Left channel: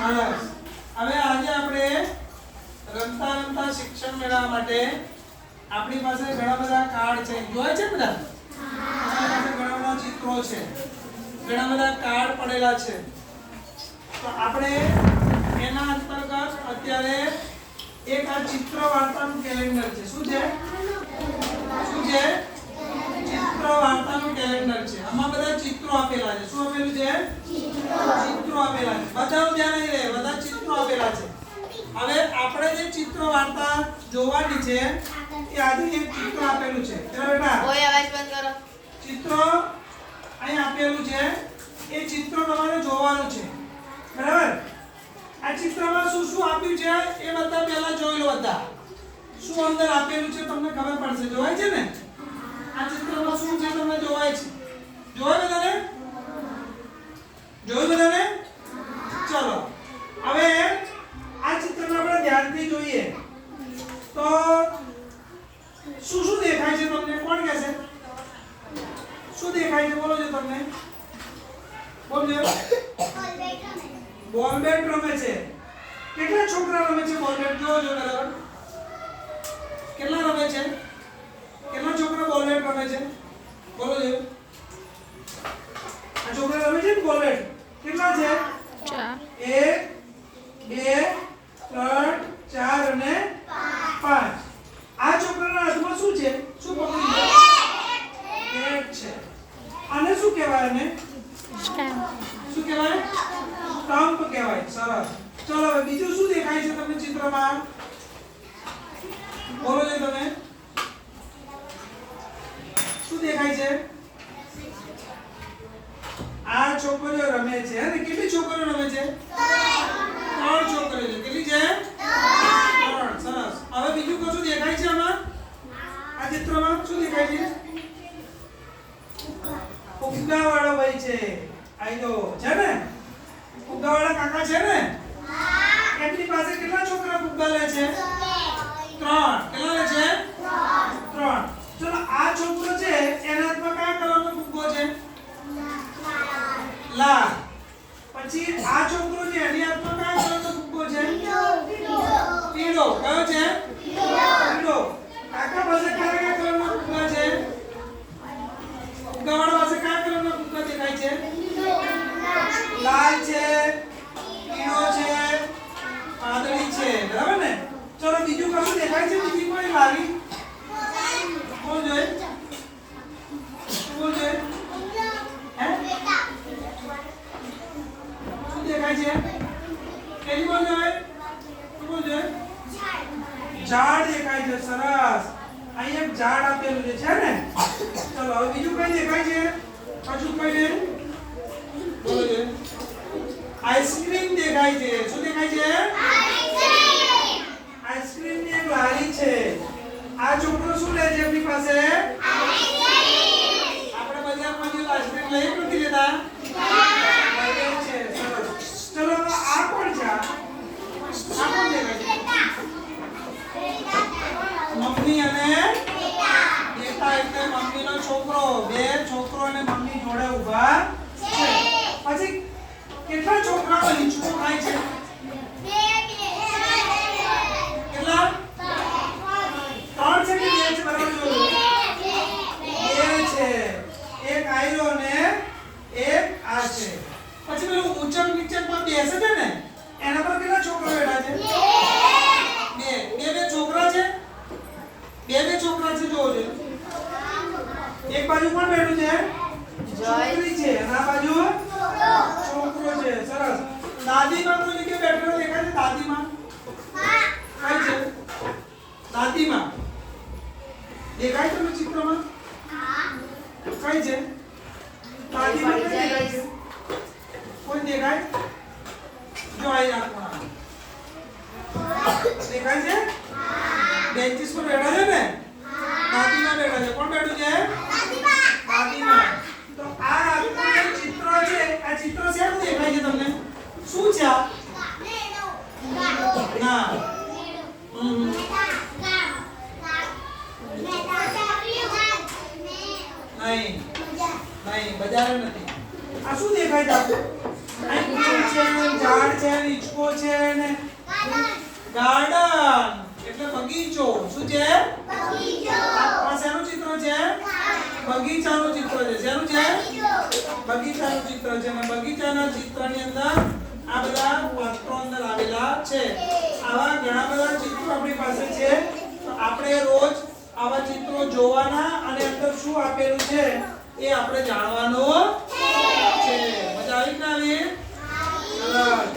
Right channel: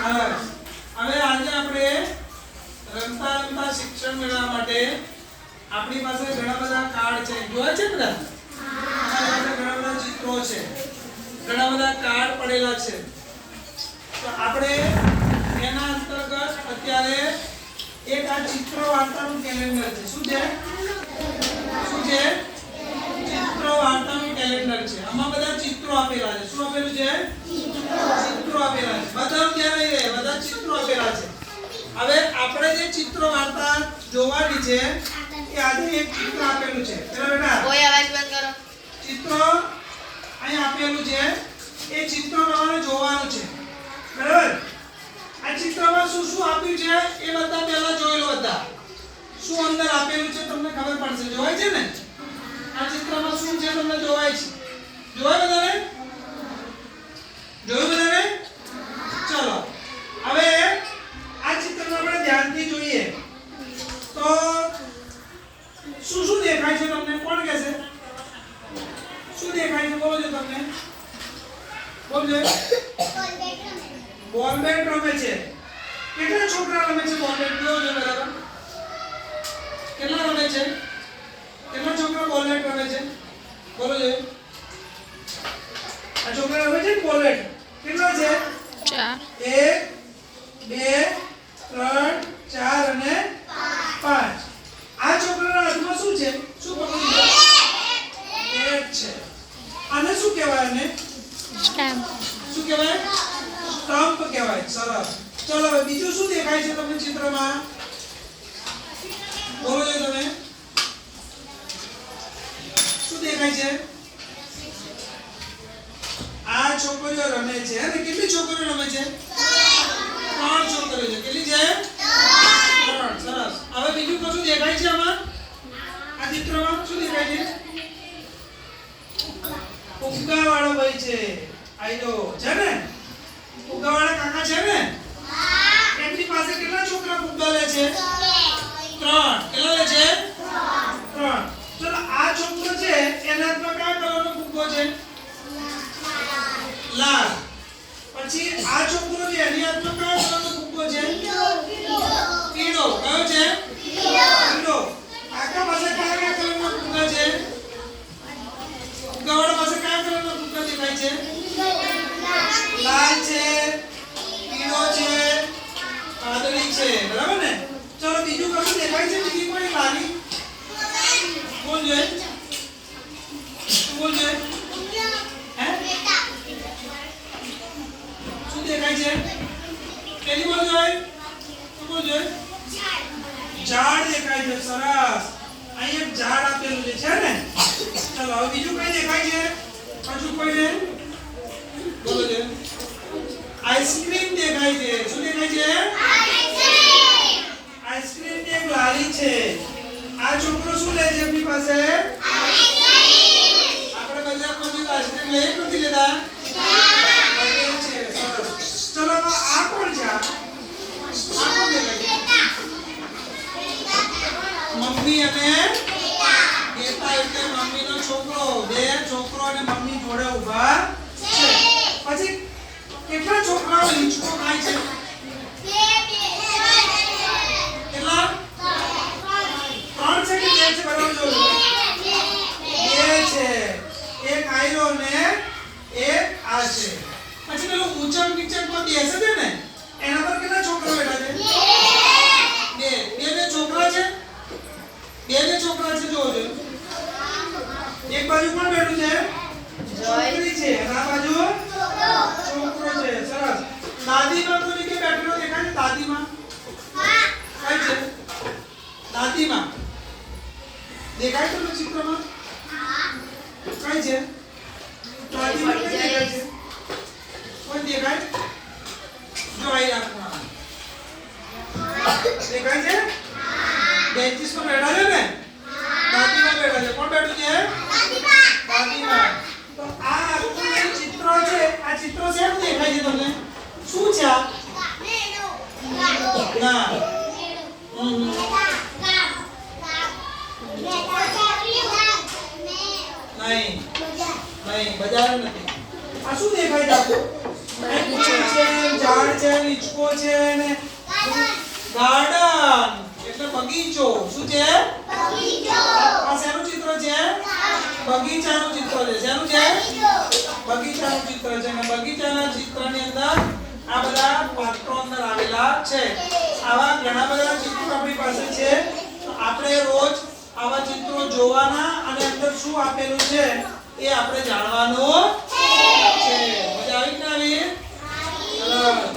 સરસ હવે આજે આપણે રમતા રમતા શિક્ષણ મેળવવા માટે આપણી પાસે ઘણા બધા કાર્ડ છે. જોયા છે બધા? આપણી ઘણા બધા ચિત્રો છે. ઘણા બધા કાર્ડ પડેલા છે. તો આપણે એના અંતર્ગત અત્યારે એક આ ચિત્ર વાર્તાનું કેલેન્ડર છે. શું છે શું છે ચિત્ર વાર્તાનું કેલેન્ડર છે આમાં બધા ચિત્રો આપેલા છે શું આપેલું છે ચિત્રો આપેલા છે બધા ધ્યાન નહીં રહે બધા ચિત્રો આપેલા છે હવે આપણે જે ચિત્ર વાર્તા જોવાની છે એ આજે એક ચિત્ર આપેલું છે. ચલો બેટા. કોઈ અવાજ બંધ કરો. ચિત્ર અહીં આપેલું છે. એ ચિત્ર તમારે જોવાનું છે. બરાબર? આ ચિત્રમાં શું શું આપ્યું છે એ બધા પહેલા જોઈ લો બધા શું અંદર આપેલું છે તમને ખબર પડશે. જોવાય છે ને? આ ચિત્રમાં શું છે તમને જોવાય છે. જોવાય બધાને? બેટ રમે છે. કેટલા છોકરા રમે છે બોલ બેટ જોવો બરાબર કેટલા રમે છે કેટલા છોકરા બોલ બેટ રમે છે બોલો છો આ છોકરા રમે છે બોલ બેટ કેટલા છે ચાર એક બે ત્રણ ચાર અને પાંચ આ છોકરાના હાથમાં શું છે શું પકડ્યું છે બેટ છે આને શું કહેવાય આને સ્ટેમ્પ શું કહેવાય? સ્ટમ્પ કહેવાય, સરસ. ચલો, હવે બીજું શું દેખાય છે તમને ચિત્રમાં? બોલો છો તમે. શું દેખાય છે? આ છોકરીઓ રમે છે. અને કેટલી છોકરીઓ રમે છે? ત્રણ છોકરીઓ છે. કેટલી છે? ત્રણ. સરસ. હવે બીજું કશું દેખાય છે આમાં? આ ચિત્રમાં શું દેખાય છે? ફુગ્ગા વાળો ભાઈ છે. આઈલો છે ને? ફુગ્ગા કાકા છે ને? એમની પાસે કેટલા છોકરા ફુગ્ગા લે છે ત્રણ કેટલા લે છે ત્રણ ચલો આ છોકરો છે એના હાથમાં કયા કલરનો ફુગ્ગો છે લાલ પછી આ છોકરો છે એની હાથમાં કયા કલરનો ફુગ્ગો છે પીળો કયો છે પીળો કાકા પાસે કયા કયા કલરના ફુગ્ગા છે ફુગ્ગાવાળા પાસે કયા કલરના ફુગ્ગા દેખાય છે લાલ છે પીળો છે વાદળી છે બરાબર ને ચલો બીજું કશું દેખાય છે બીજી કોઈ લાલી કોણ જોઈએ કોણ જોઈએ હે શું દેખાય છે પેલી કોણ જોઈએ શું કોણ જોઈએ ઝાડ દેખાય છે સરસ. અહીં એક ઝાડ આપેલું છે છે ને? ચલો હવે બીજું કઈ દેખાય છે? હજુ કઈ ને બોલો છે. આઈસ્ક્રીમ દેખાય છે. શું દેખાય છે? આઈસ્ક્રીમ. ની એક લારી છે. આ છોકરો શું લે છે એમની પાસે? આપણે બજારમાં કોઈ આઈસ્ક્રીમ લઈએ નથી લેતા લઈએ છે સરસ ચલો તો આ કોણ છે આ આ કોણ દેખાય છે છોકરો, બે છોકરો અને મમ્મી જોડે ઊભા છે. પછી કેટલા છોકરાઓ કેટલા? ત્રણ છે કે બે છે? બરાબર જોજો બે છે. એક આયરો ને એક આ છે. પછી પેલું ઊંચક નીચકમાં બેસે છે ને એના પર કેટલા છોકરા બેઠા છે બે બે બે છોકરા છે બે બે છોકરા છે જોજો એક બાજુ કોણ બેઠું છે છોકરી છે. અને આ બાજુ? છોકરો છે. સરસ. દાદીમાં કોઈ કે બેઠેલો દેખાય છે? દાદીમાં? કઈ છે? દાદીમાં. દેખાય તમને ચિત્રમાં? કઈ છે? દાદીમાં ક્યાં દેખાય છે? કોઈ દેખાય? જો અહીં રાખવા દેખાય છે? બેન્ચીસ પર બેઠા છે ને દાદીમાં બેઠા છે કોણ બેઠું છે દાદીમાં તો આ આખું જે ચિત્ર છે આ ચિત્ર શેનું દેખાય છે તમને શું છે આ ના હમ. નહીં નહીં બજાર નથી આ શું દેખાય છે. આપકો છે ઝાડ છે નીચકો છે ને. ગાર્ડન એટલે બગીચો. શું છે? આ શેનું ચિત્ર છે? બગીચાનું ચિત્ર છે. શેનું છે? બગીચાનું ચિત્ર છે. અને બગીચાના ચિત્રની અંદર આ બધા પાત્રો અંદર આવેલા છે. આવા ઘણા બધા ચિત્રો આપણી પાસે છે. આપણે રોજ આવા ચિત્રો જોવાના અને અંદર શું આપેલું છે? એ આપણે જાણવાનું છે. મજા આવી કે ના આવી?